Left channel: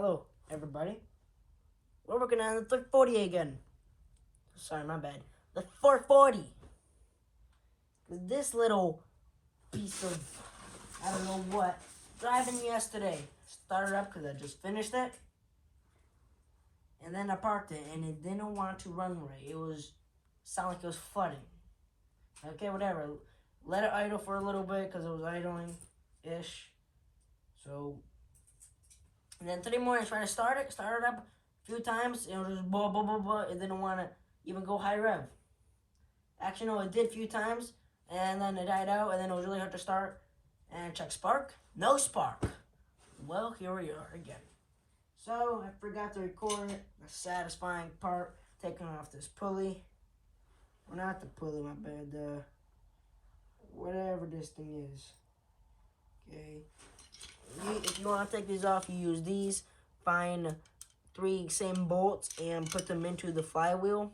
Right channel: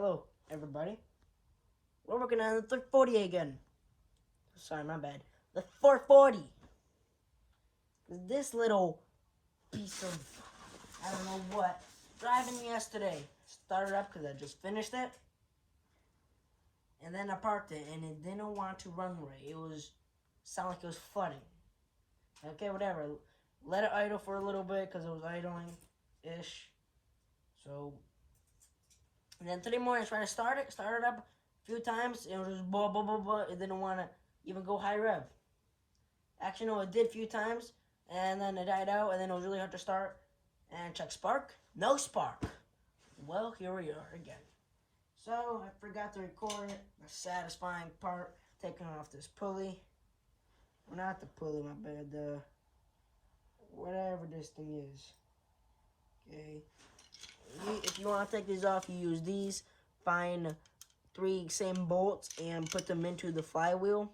Hello, everybody. We're working on the 340 again. Sorry, my bad. The 440. This little piece of, I don't know what, driving yesterday. Started up because I just finished it. And then I parked it and it didn't want to run right. It was, sounded like it was flooding. Okay, whatever. Let it idle for a little bit because it was idling-ish. So, and then today morning I tried to start it up a few times. It was just blah, blah, blah, blah. It didn't want to even go high rev. Actually, no, it did a few times. And then it died out, and then it was really hard to start. And check spark. No spark. Well, here we are again. So, I forgot to record it. The satisfying part, taking off this pulley. Well, not the pulley, my bad. Whatever this thing is. Okay. If you want to take these off, you use these. Find 3 same bolts and put them into the flywheel.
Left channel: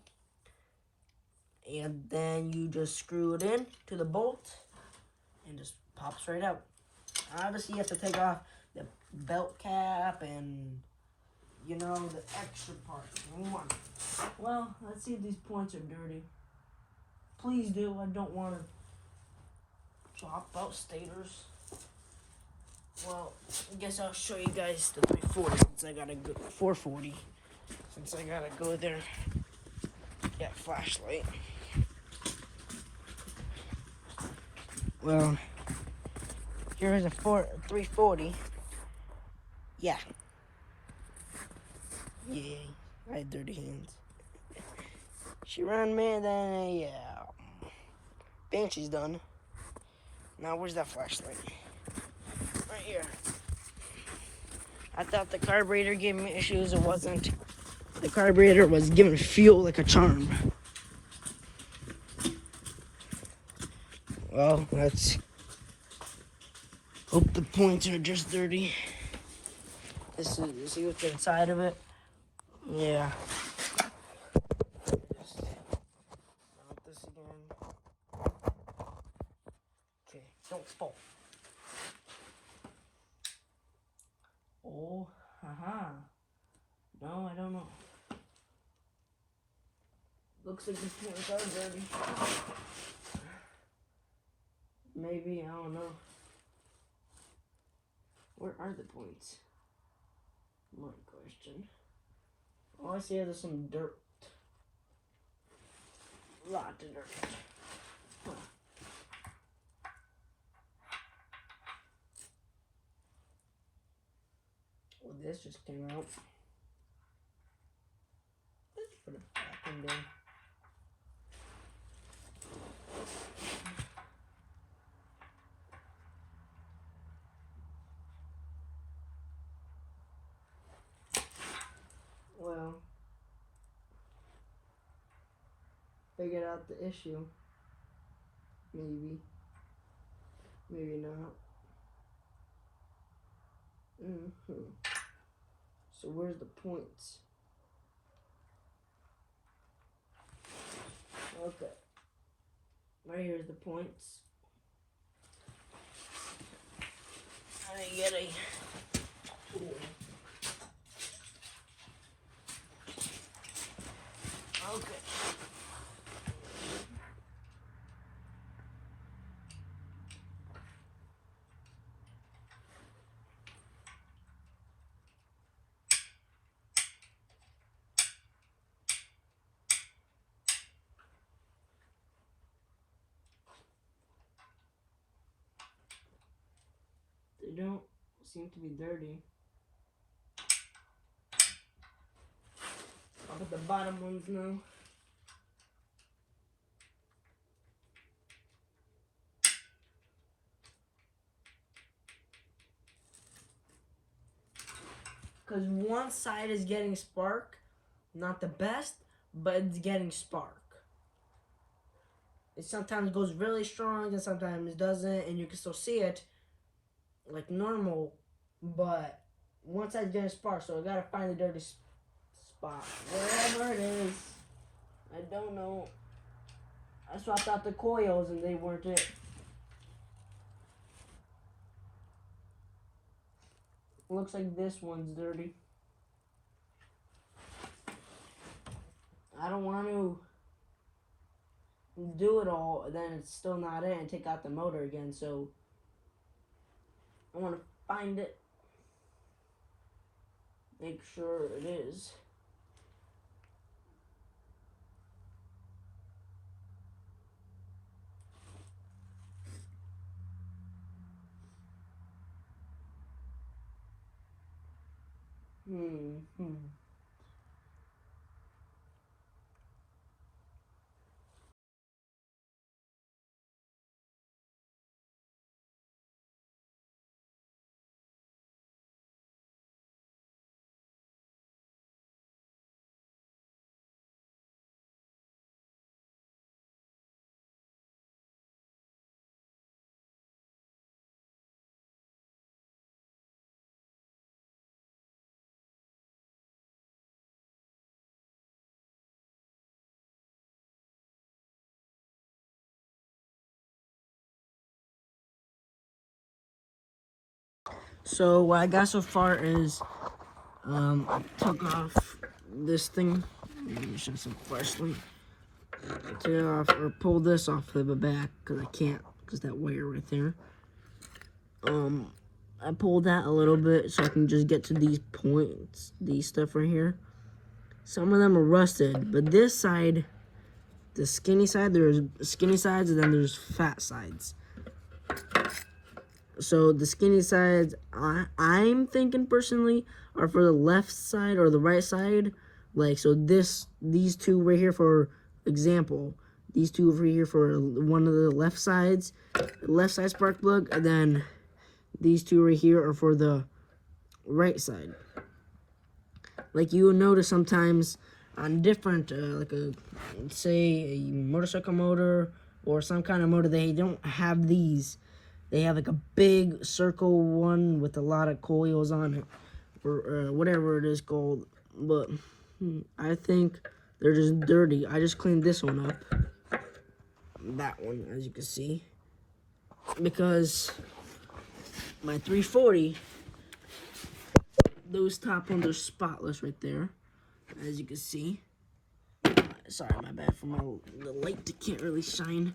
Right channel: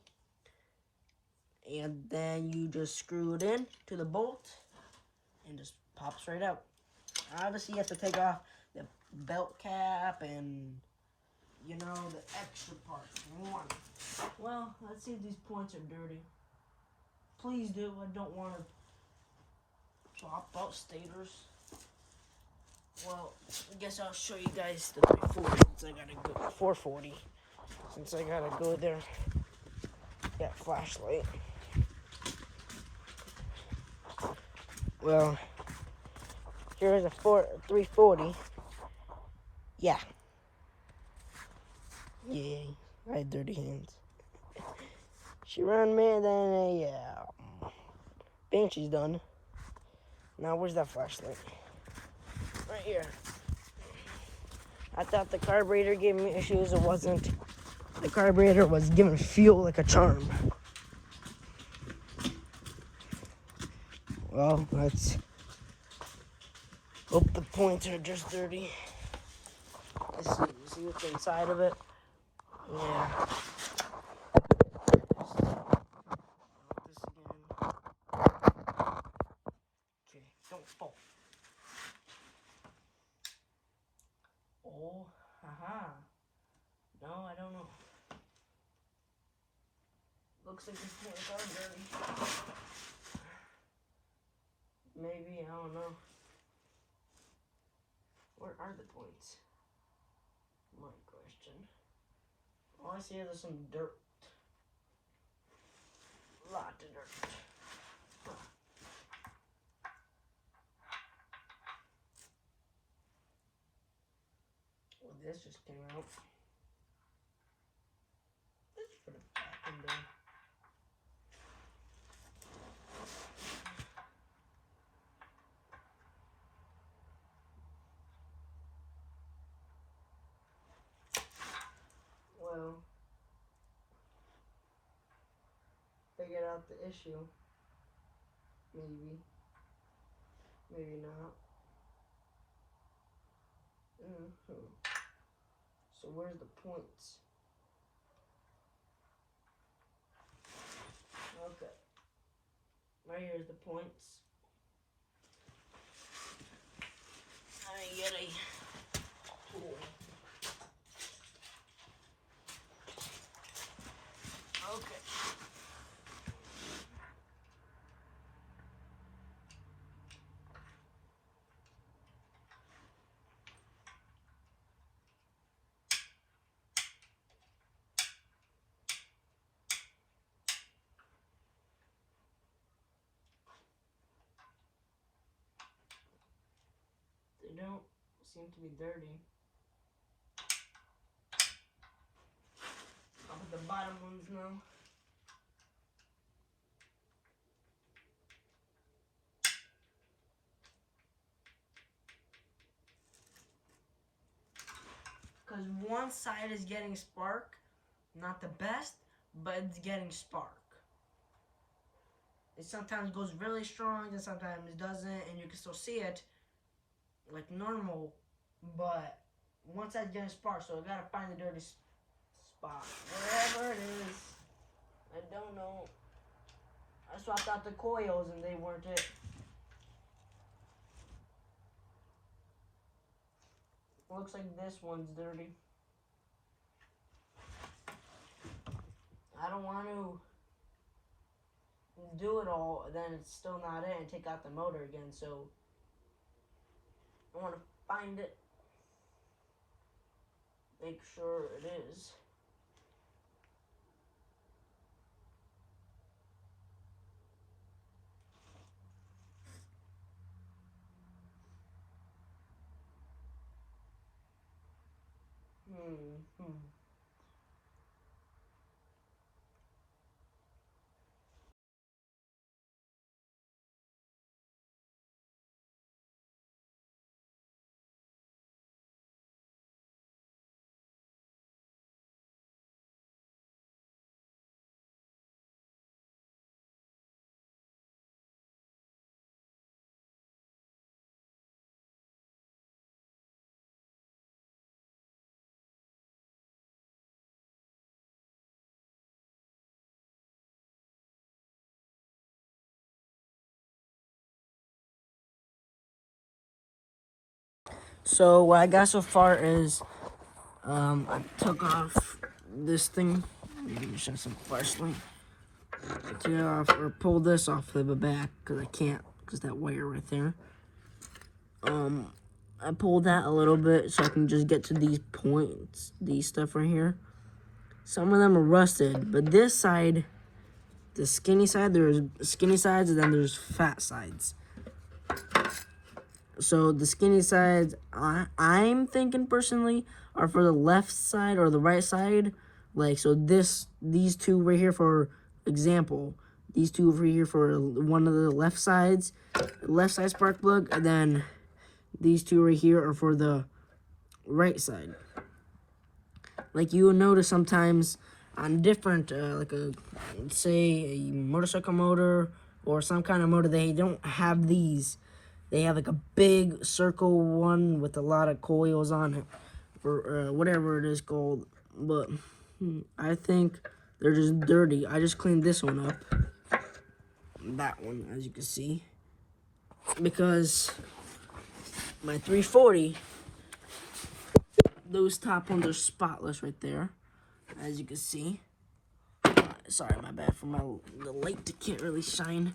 And then you just screw it in to the bolt and just pops right out. Obviously, you have to take off the belt cap and, you know, the extra parts. Well, let's see if these points are dirty. Please do. I don't want to swap out stators. Well, I guess I'll show you guys the 340 since I gotta go 440. Since I gotta go there. Yeah, flashlight. Well, here's a 340. Yeah. Yeah, I had dirty hands. She ran me, then yeah. Banshee's done. Now, where's that flashlight? Right here. I thought the carburetor gave me issues. It wasn't. The carburetor was giving fuel like a charm. Well, let's hope the points are just dirty. Let's see what's inside of it. Yeah. Okay, don't fall. Oh, haha. No, I don't know. Looks like these points are dirty. Maybe, I don't know. Where are the points? My question. All I see is some dirt. Lot of dirt. Huh. Well, this just came out. Let's put it back in there. Well, figured out the issue. Maybe. Maybe not. So where's the points? Okay. Right here's the points. I get a tool. Okay. They don't seem to be dirty. I'll put the bottom ones now. Because one side is getting spark, not the best, but it's getting spark. It sometimes goes really strong and sometimes it doesn't, and you can still see it like normal, but one side's getting spark, so I gotta find the dirty spot. Wherever it is, I don't know. I swapped out the coils and they weren't it. Looks like this one's dirty. I don't want to do it all and then it's still not it and take out the motor again. So I want to find it, make sure it is. So what I got so far is I took off this thing. Let me show some flashlight. I took it off or pulled this off the back because I can't because that wire right there. I pulled that a little bit so I can just get to these points, these stuff right here. Some of them are rusted, but this side, the skinny side, there's skinny sides and then there's fat sides. So the skinny sides, I'm thinking personally, are for the left side or the right side. Like, so these two right here, for example, these two over here for one of the left sides, left side spark plug, and then these two right here are for the right side. Like you will notice sometimes on different, like say a motorcycle motor or some kind of motor, they don't have these. They have like a big circle one with a lot of coils on it, or whatever it is called. But I think they're just dirty. I just cleaned this one up. That one, as you can see. Because my 340, those top ones are spotless right there, as you can see. Sorry, my bad for the light that can't really shine.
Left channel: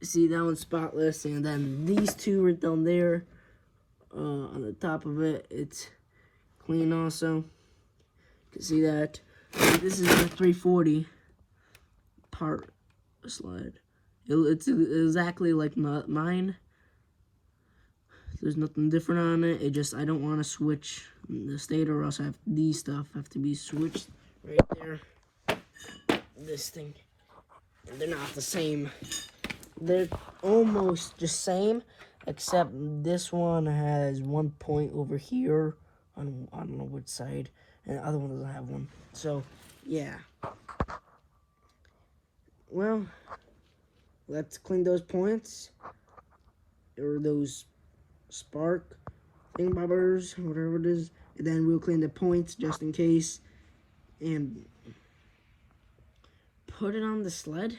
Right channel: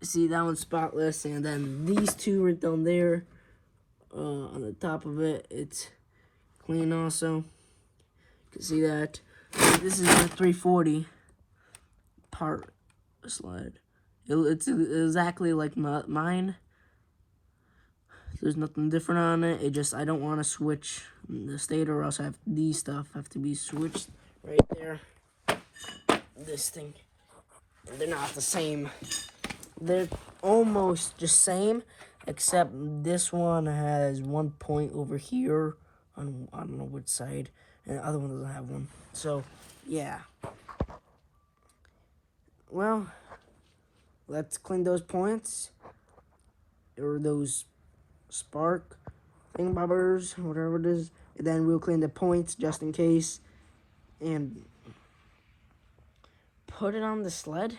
See, that one's spotless, and then these two right down there, on the top of it, it's clean also. You can see that. This is the 340 part slide. It's exactly like mine. There's nothing different on it. It just, I don't want to switch the stator, or else I have these stuff have to be switched right there. This thing. They're not the same. They're almost the same, except this one has one point over here on, I don't know which side, and the other one doesn't have one. So, yeah. Well, let's clean those points, or those spark thingbobbers, whatever it is, and then we'll clean the points just in case, and put it on the sled.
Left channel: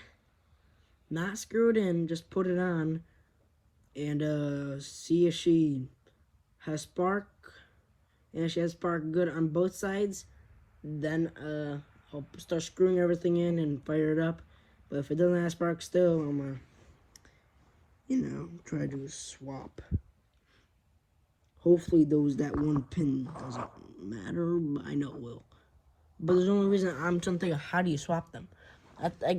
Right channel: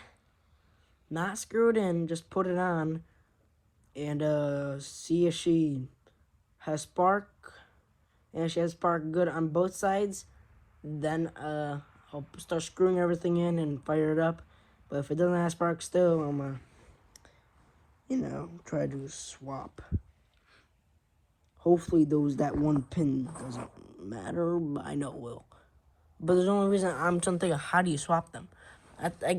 Not screw it in, just put it on, and see if she has spark, and if she has spark good on both sides, then I'll start screwing everything in and fire it up. But if it doesn't have spark still, I'm gonna, try to swap. Hopefully that one pin doesn't matter, but I know it will. But there's the only reason I'm trying to think of how do you swap them.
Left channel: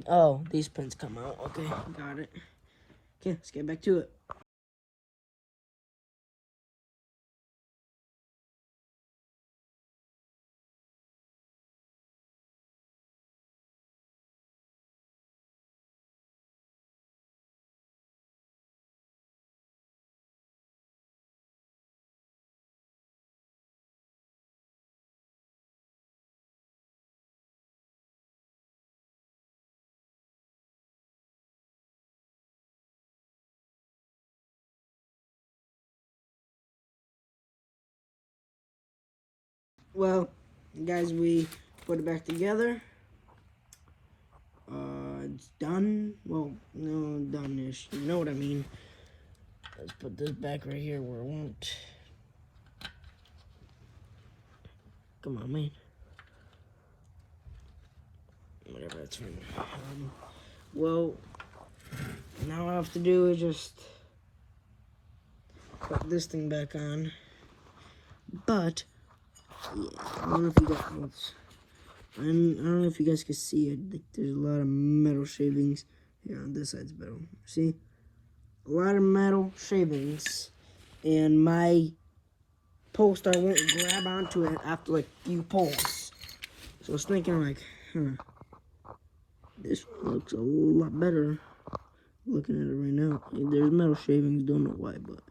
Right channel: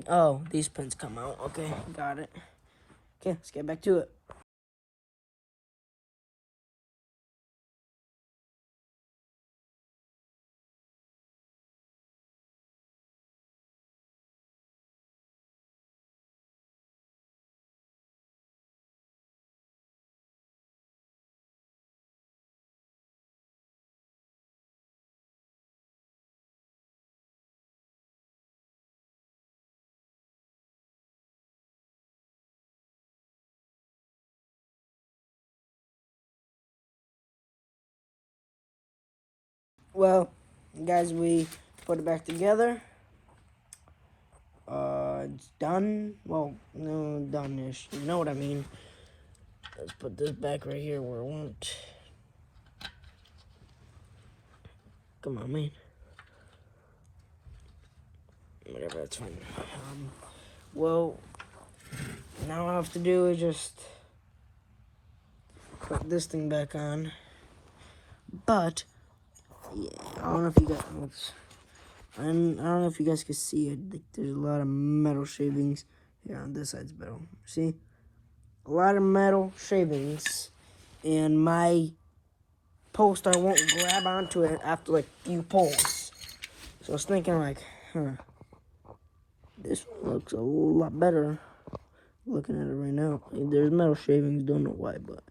Oh, these pins come out. Okay, got it. Okay, let's get back to it. Well, guys, we put it back together. It's done. Well, no, done-ish. You know what I mean. Let's put this back right here where it went. Come on, man. Whatever, that's fine. Well, now all I have to do is just put this thing back on. But yeah, I don't know if you guys, I don't know if you guys can see it. Like, there's a lot of metal shavings here on this side's metal. See, a lot of metal shavings, and my poster won't grab onto it after like few pulls. So I was thinking like, this one looks a lot better. Looking at it right now, there's metal shavings. Don't know why, but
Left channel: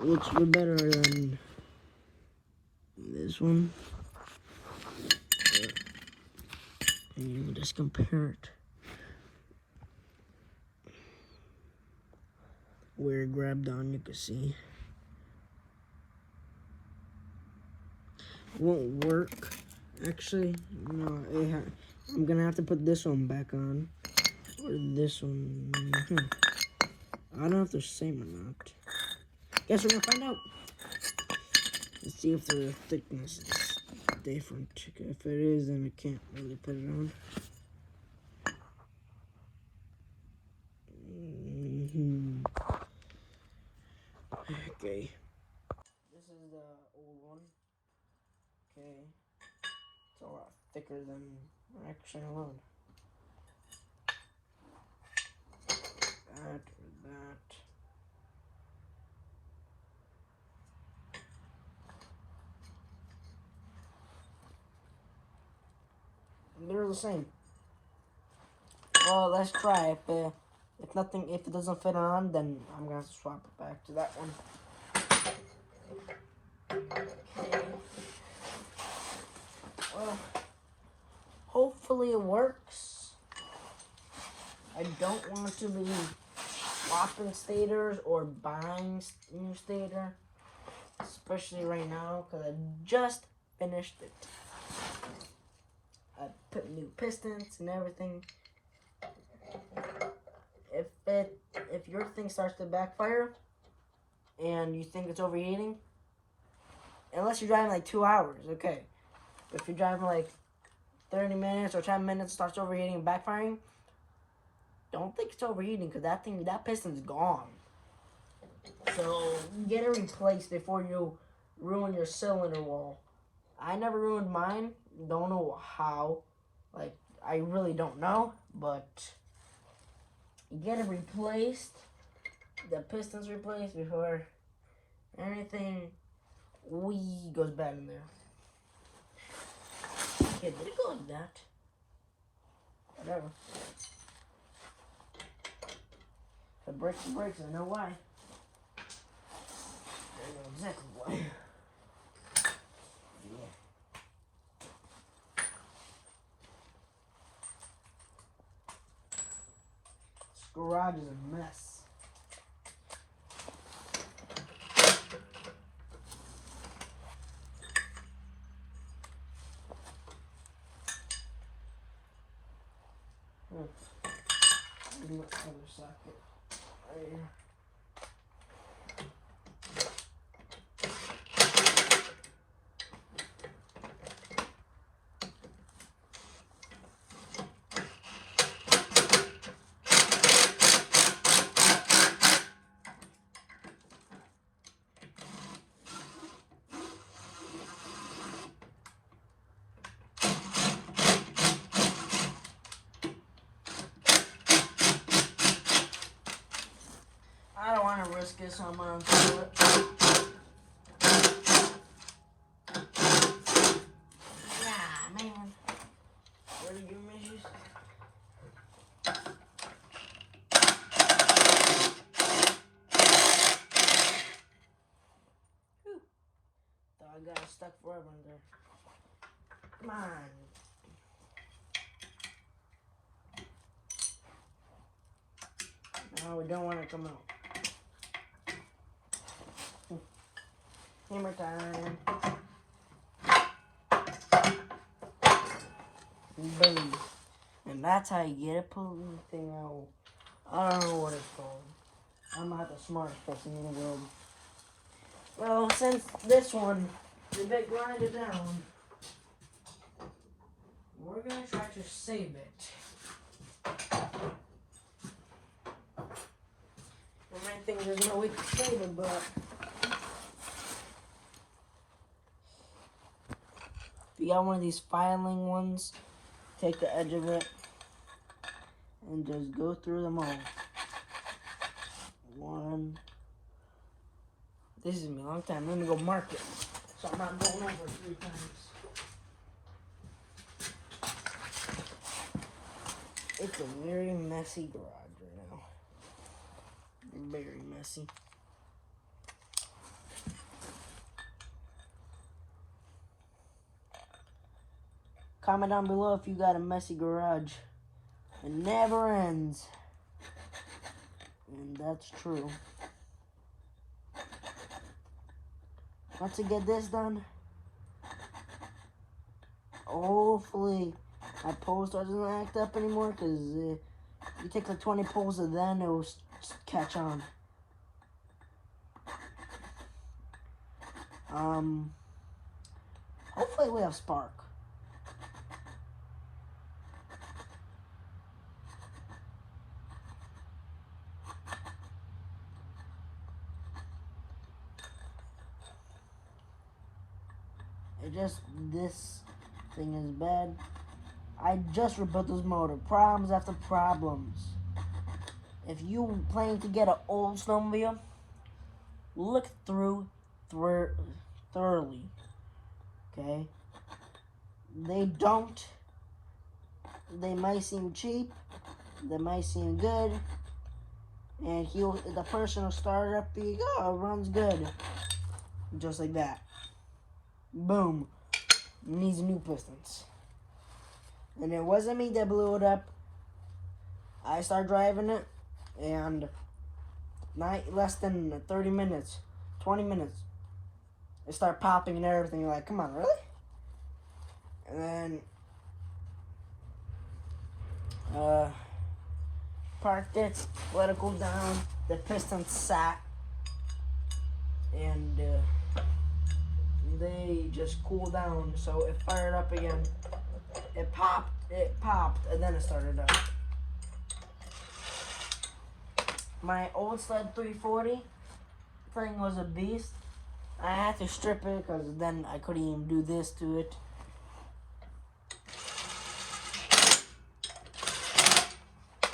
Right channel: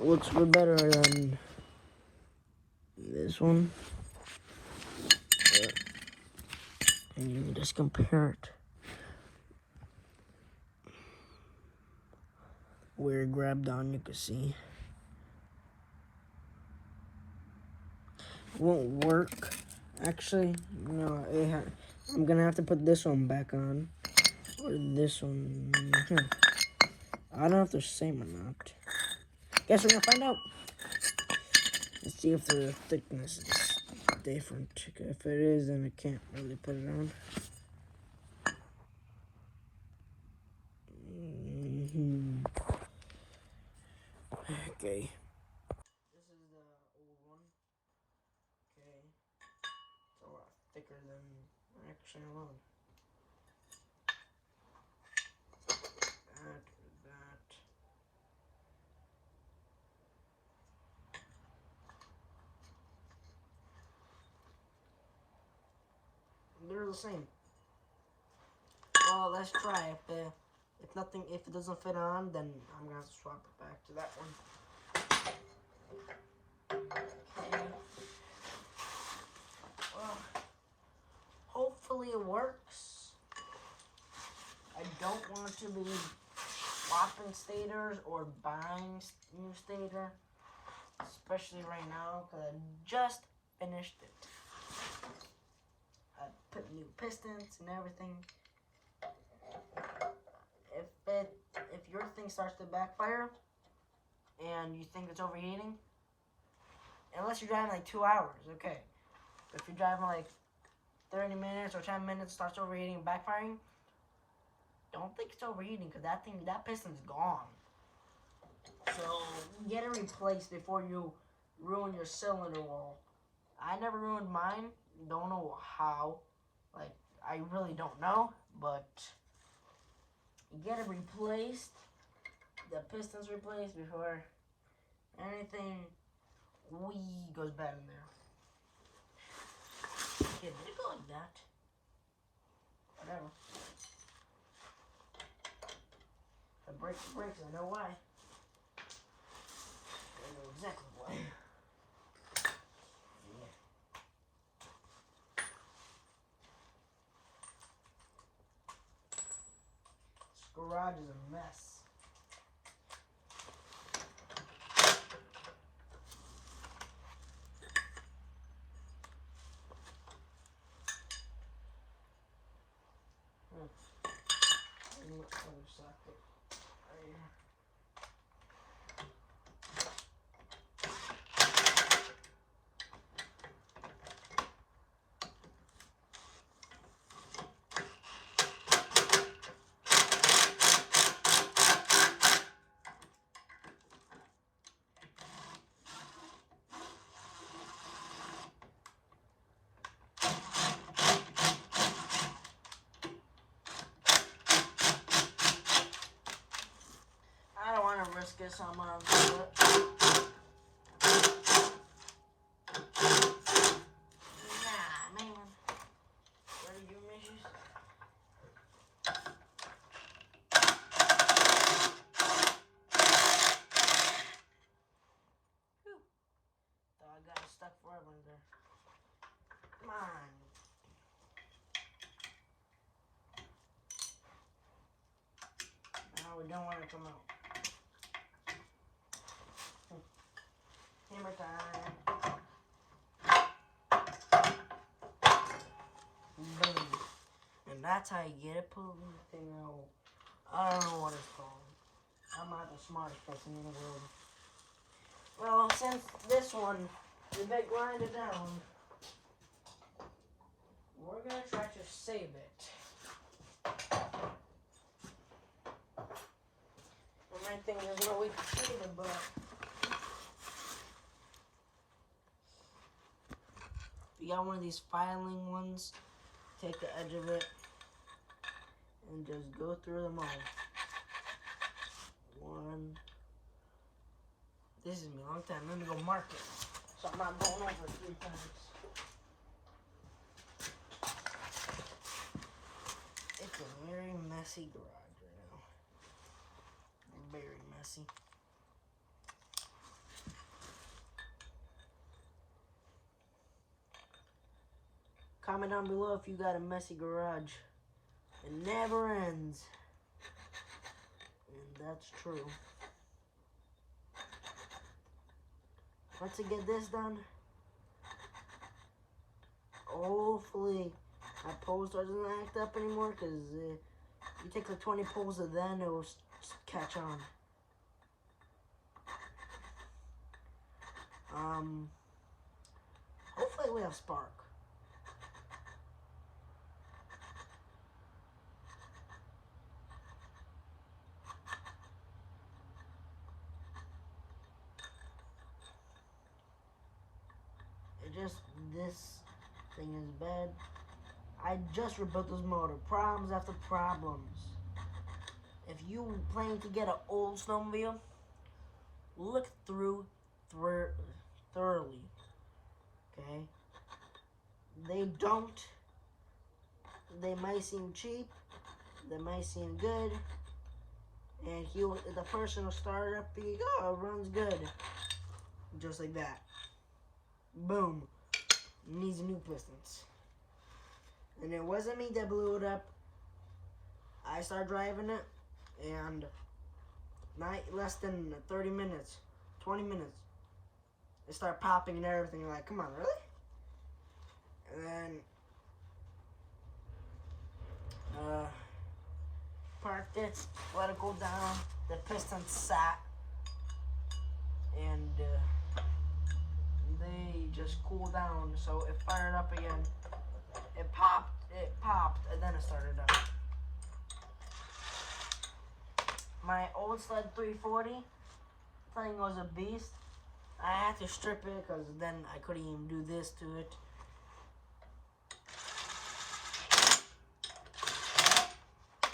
it looks way better than this one. And you can just compare it. Where it grabbed on, you can see. It won't work. Actually, no. I'm gonna have to put this one back on, or this one. I don't know if they're the same or not. Guess we're gonna find out. Let's see if the thickness is different. If it is, then I can't really put it on. Okay. This is the old one. Okay. It's a lot thicker than actually alone. That. They're the same. Well, let's try. If it doesn't fit on, then I'm gonna have to swap it back to that one. Okay. Well, hopefully it works. I don't want to be swapping stators or buying new stator, especially right now because I just finished it. I put new pistons and everything. If your thing starts to backfire and you think it's overheating, unless you're driving like 2 hours, okay. But if you're driving like 30 minutes or 10 minutes, starts overheating and backfiring, don't think it's overheating because that piston's gone. So get it replaced before you ruin your cylinder wall. I never ruined mine. Don't know how. Like, I really don't know, but get it replaced. The pistons replaced before anything goes bad in there. Okay, did it go like that? Whatever. If it breaks, it breaks. I know why. I know exactly why. Yeah. This garage is a mess. My other socket right here. I don't want to risk it, so I'm going to do it. Nah, man. Where did you measure? Whew. Thought I got it stuck forever in there. Come on. No, we don't want it to come out. Hammer time. Boom. And that's how you get it. Pull the thing out. I don't know what it's called. I'm not the smartest person in the world. Well, since this one is a bit grinded down, we're we're gonna try to save it. I might think there's no way to save it, but if you got one of these filing ones, take the edge of it and just go through them all. One. This is me a long time. Let me go mark it so I'm not going over 3 times. It's a very messy garage right now. Very messy. Comment down below if you got a messy garage. It never ends. And that's true. Once I get this done, hopefully my pole doesn't act up anymore, because you take like 20 pulls and then it will catch on. Hopefully we have spark. It just, this thing is bad. I just rebuilt this motor. Problems after problems. If you plan to get an old snowmobile, look through thoroughly. Okay? They might seem cheap, they might seem good, and the person will start it up, oh, it runs good. Just like that. Boom. Needs new pistons. And it wasn't me that blew it up. I started driving it, and not less than 30 minutes, 20 minutes, it started popping and everything. You're like, come on, really? And then parked it, let it go down. The piston sat, and they just cooled down. So it fired up again. It popped, and then it started up. My old sled 340 thing was a beast. I had to strip it because then I couldn't even do this to it.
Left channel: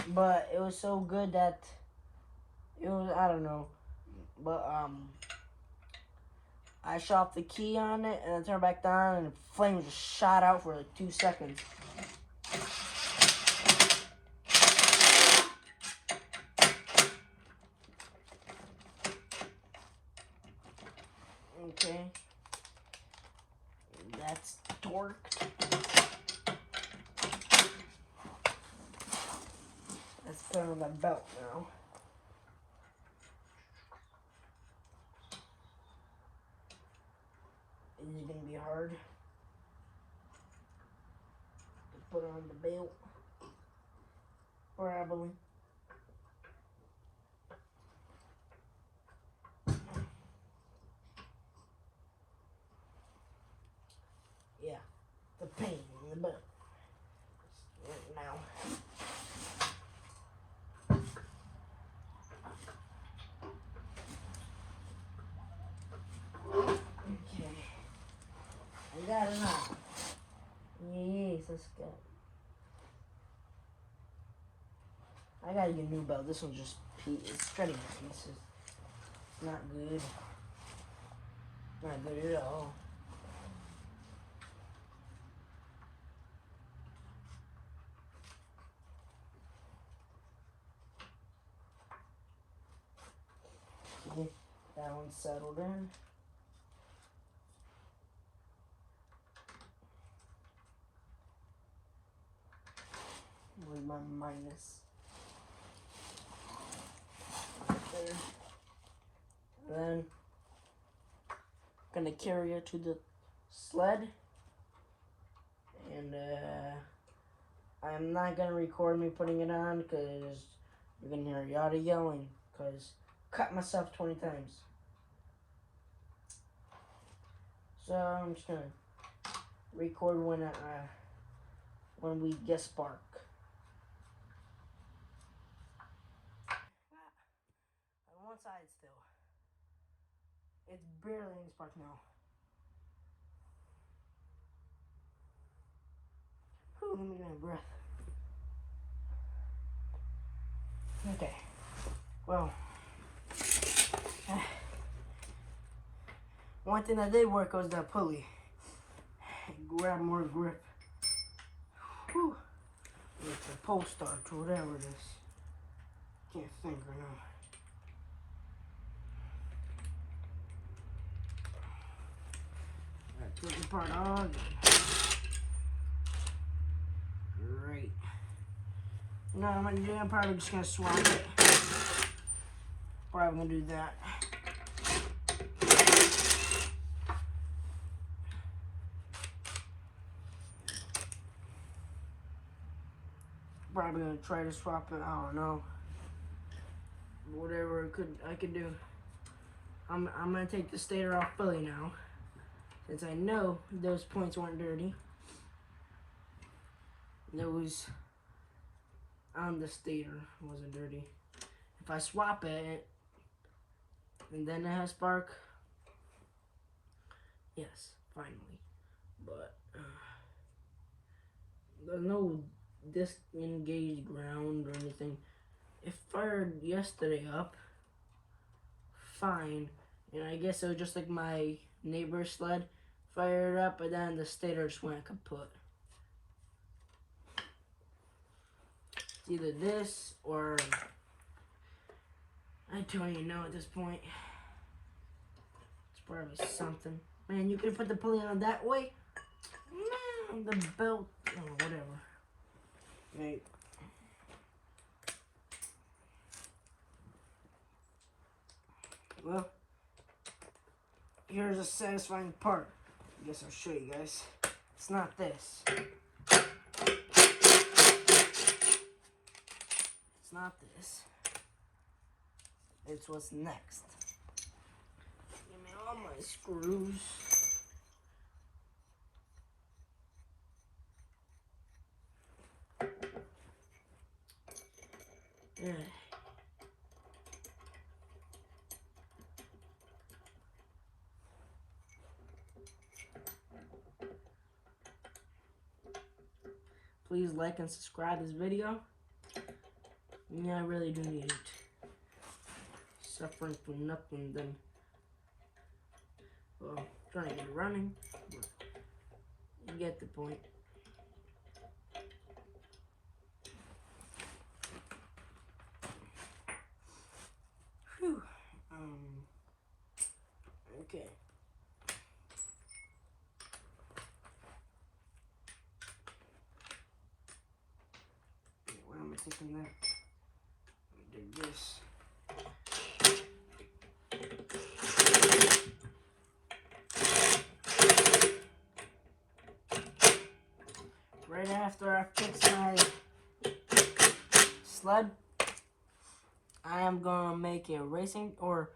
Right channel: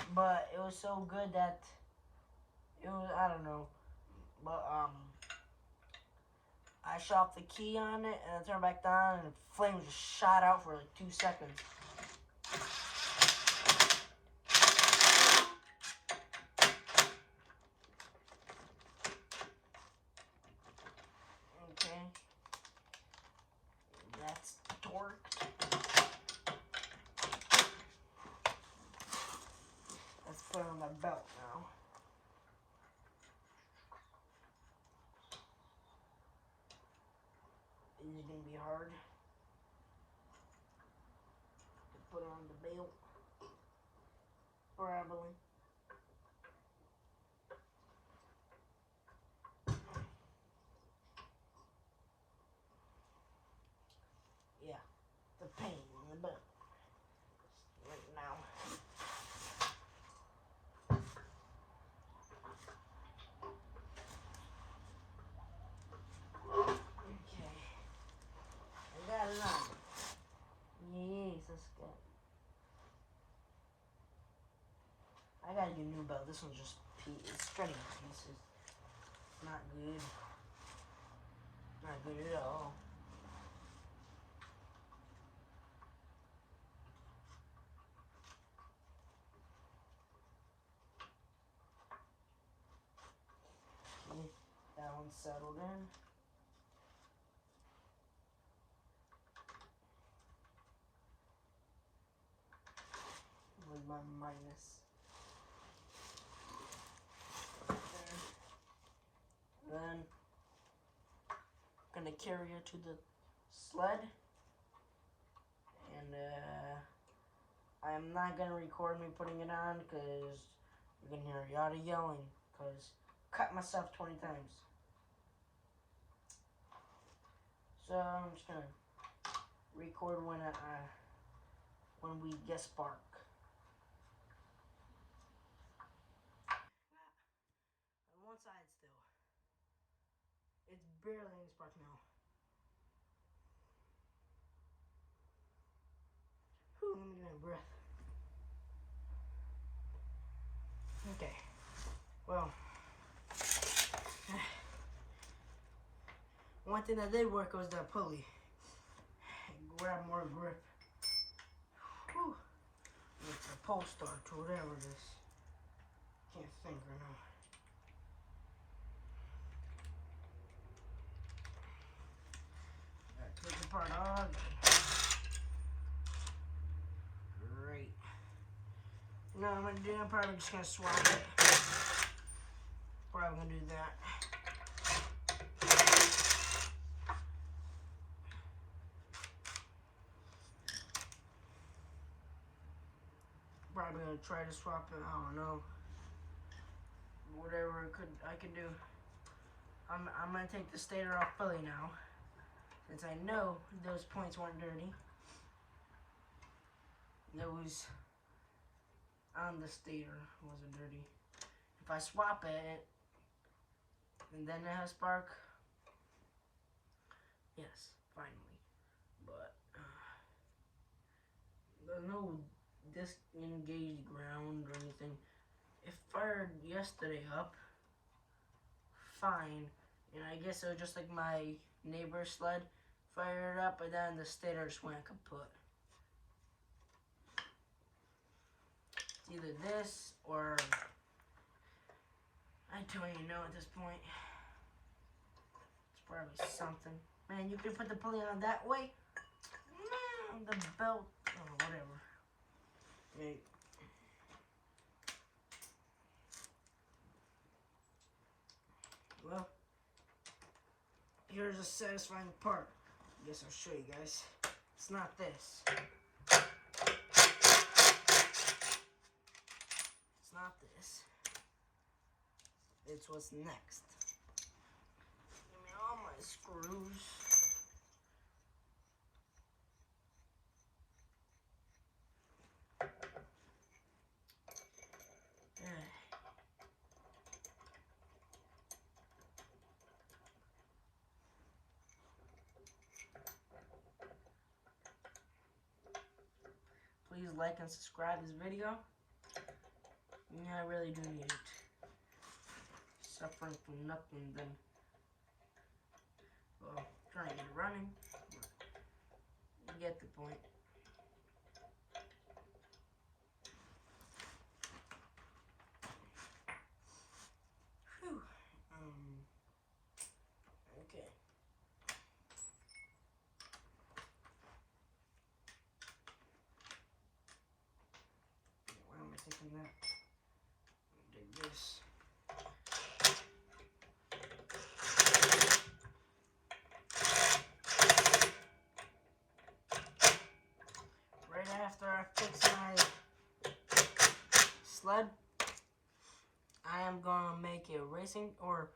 But it was so good that it was, I don't know. But I shut off the key on it and then turned back on, and the flame just shot out for like 2 seconds. Okay. That's torqued. Let's put on the belt now. This is gonna be hard to put on the belt. Probably. Yeah, the pain in the belt. Right now. Okay. I got it on. Yes, that's good. I gotta get a new belt. This one's just it's shredding pieces. It's not good. Not good at all. Okay, that one's settled in. Where's my minus? There. Then gonna carry it to the sled, and I'm not gonna record me putting it on because you're gonna hear a lot of yelling because I cut myself 20 times. So I'm just gonna record when when we get spark. On one side still. It's barely any spark now. Whew, let me get a breath. Okay. Well, one thing that did work was that pulley. Grab more grip. Whew. It's a pole starch or whatever it is. Can't think right now. Alright, take the part on. Great. No, I'm probably just gonna swap it. Probably gonna do that. Probably gonna try to swap it. I don't know. Whatever I could do. I'm gonna take the stator off fully now, since I know those points weren't dirty. Those on the stator wasn't dirty. If I swap it and then it has spark, yes, finally. But there's no disengaged ground or anything. It fired yesterday up fine, and I guess it was just like my neighbor's sled fired up, but then the stator just went kaput. It's either this or I don't even know at this point. It's probably something. Man, you could put the pulley on that way. Man, the belt, oh, whatever. Right. Well, here's a satisfying part. I guess I'll show you guys. It's not this. It's not this. It's what's next. Give me all my screws. Yeah. Please like and subscribe this video. Yeah, I really do need it. Suffering for nothing then. Well, I'm trying to get it running, but you get the point. Whew. Okay. Where am I taking that? Did this. Right after I fix my sled, I am gonna make a racing, or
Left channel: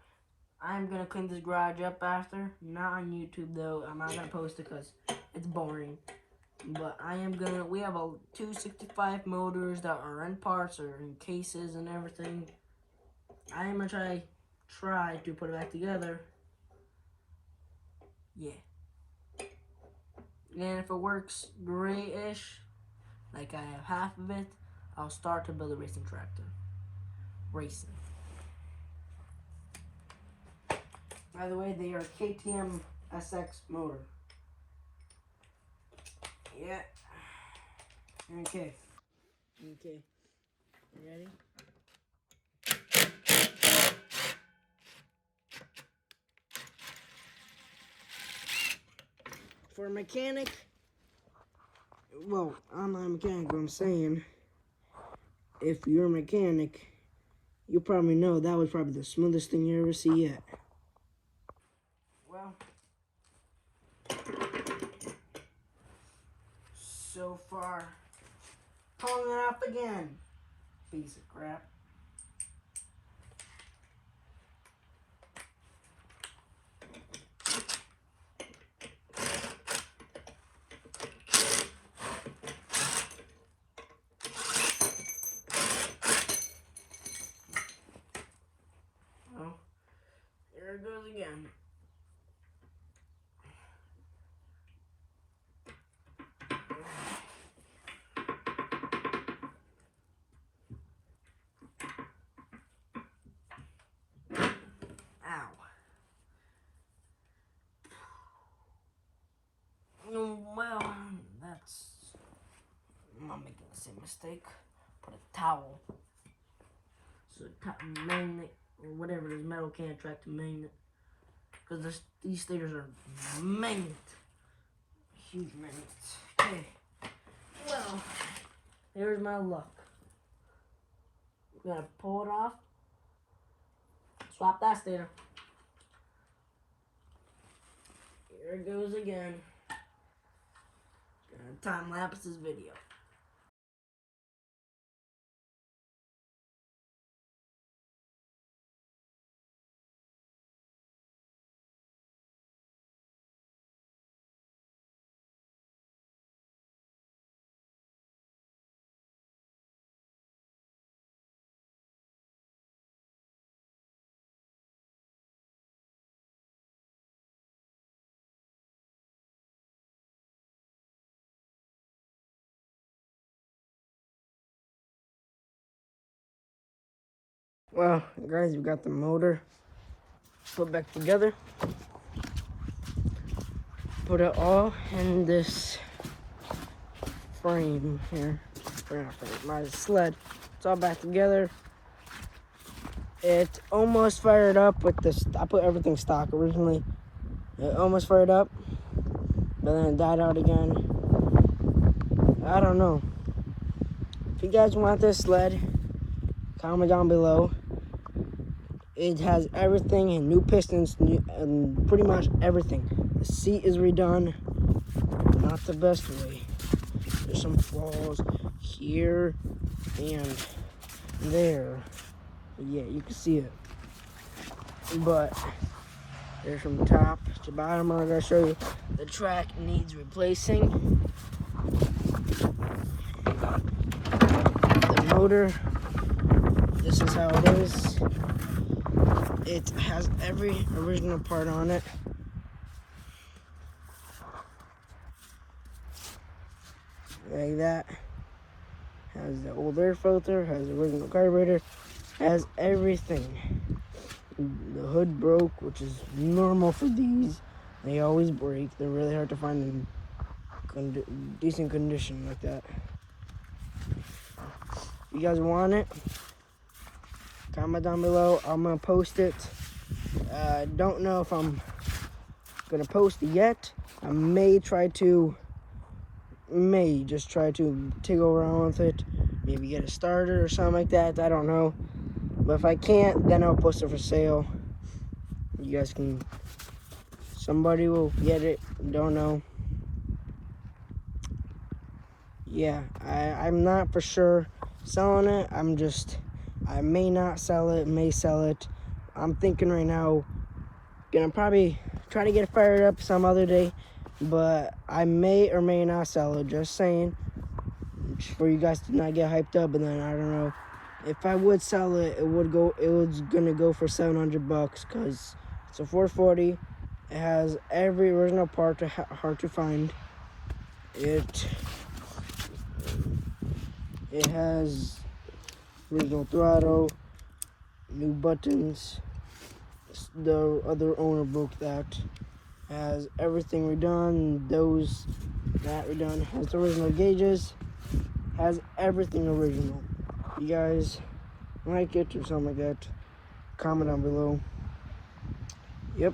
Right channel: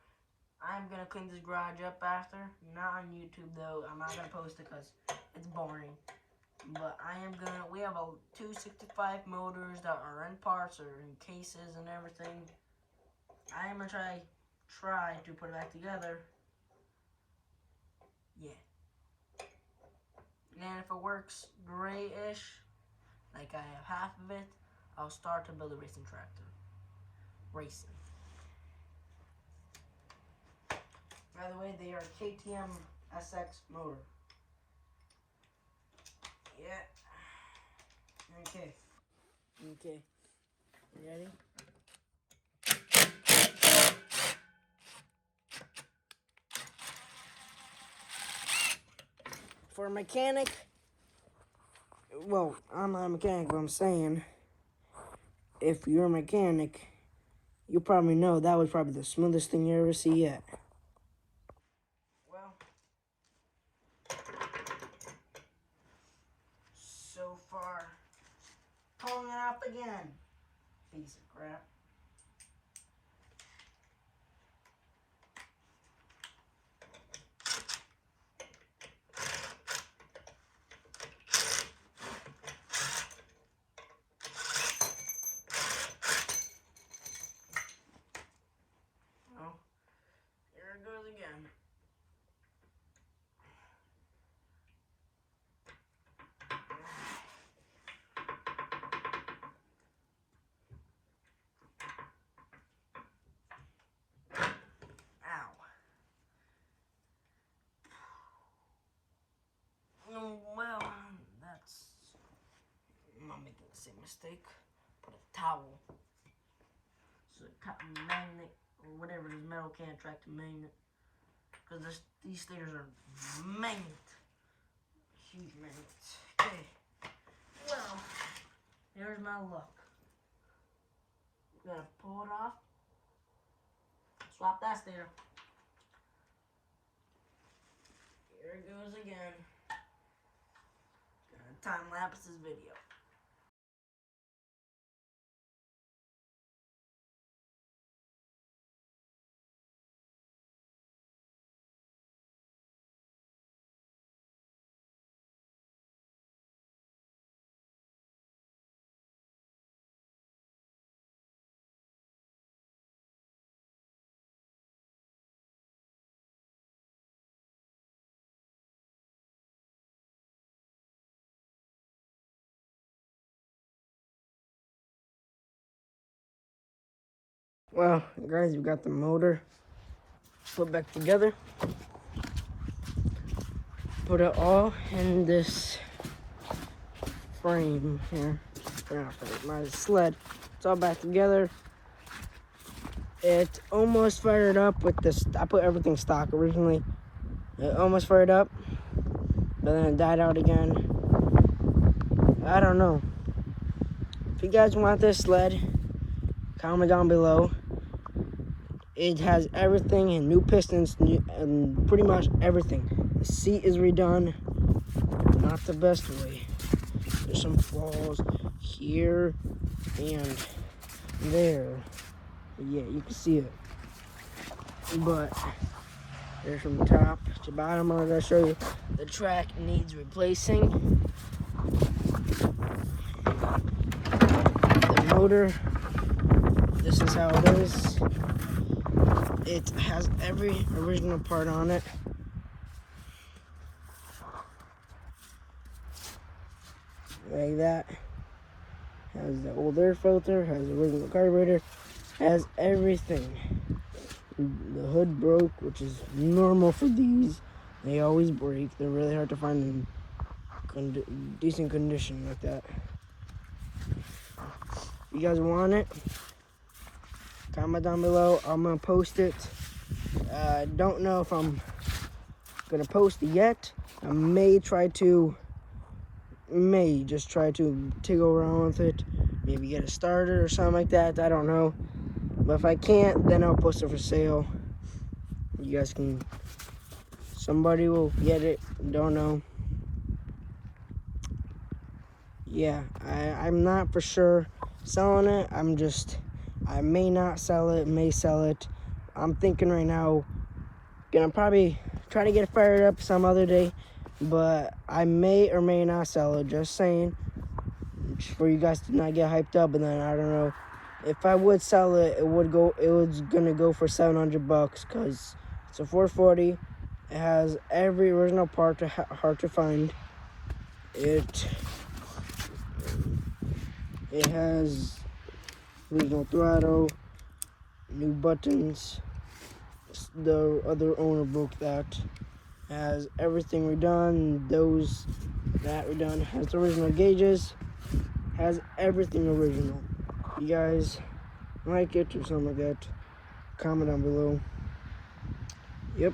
I'm gonna clean this garage up after. Not on YouTube though. I'm not gonna post it because it's boring. But we have 265 motors that are in parts or in cases and everything. I am gonna try to put it back together. Yeah. And if it works great-ish, like I have half of it, I'll start to build a racing tractor. Racing. By the way, they are KTM SX motor. Yeah. Okay. Okay. You ready? For a mechanic, well, I'm not a mechanic, but I'm saying, if you're a mechanic, you probably know that was probably the smoothest thing you ever see yet. Well, so far, pulling it up again. Piece of crap. mistake. Put a towel. So magnet, or whatever it is, metal can't attract a magnet. Because these stickers are magnet. Huge magnets. Okay. Well, here's my luck. I'm gonna pull it off. Swap that sticker. Here it goes again. Gonna time lapse this video. Well, guys, we got the motor put back together. Put it all in this frame here. Or not frame, my sled. It's all back together. It almost fired up with this. I put everything stock originally. It almost fired up, but then it died out again. I don't know. If you guys want this sled, comment down below. It has everything and new pistons and pretty much everything. The seat is redone, not the best way. There's some flaws here and there. Yeah, you can see it. But here's from top to bottom. I'm gonna show you the track needs replacing. The motor, this is how it is. It has every original part on it. Like that. Has the old air filter, has the original carburetor, has everything. The hood broke, which is normal for these. They always break. They're really hard to find in decent condition like that. You guys want it? Comment down below. I'm gonna post it. Don't know if I'm gonna post it yet. I may just try to go around with it. Maybe get a starter or something like that. I don't know. But if I can't, then I'll post it for sale. You guys can. Somebody will get it. Don't know. Yeah, I'm not for sure selling it. I may not sell it, may sell it. I'm thinking right now, gonna probably try to get it fired up some other day, but I may or may not sell it, just saying, just for you guys to not get hyped up. And then I don't know, if I would sell it, it was gonna go for $700 because it's a 440. It has every original part, hard to find. It has original throttle, new buttons. The other owner broke that. Has everything redone. That redone. Has the original gauges. Has everything original. You guys like it or something like that, comment down below. Yep.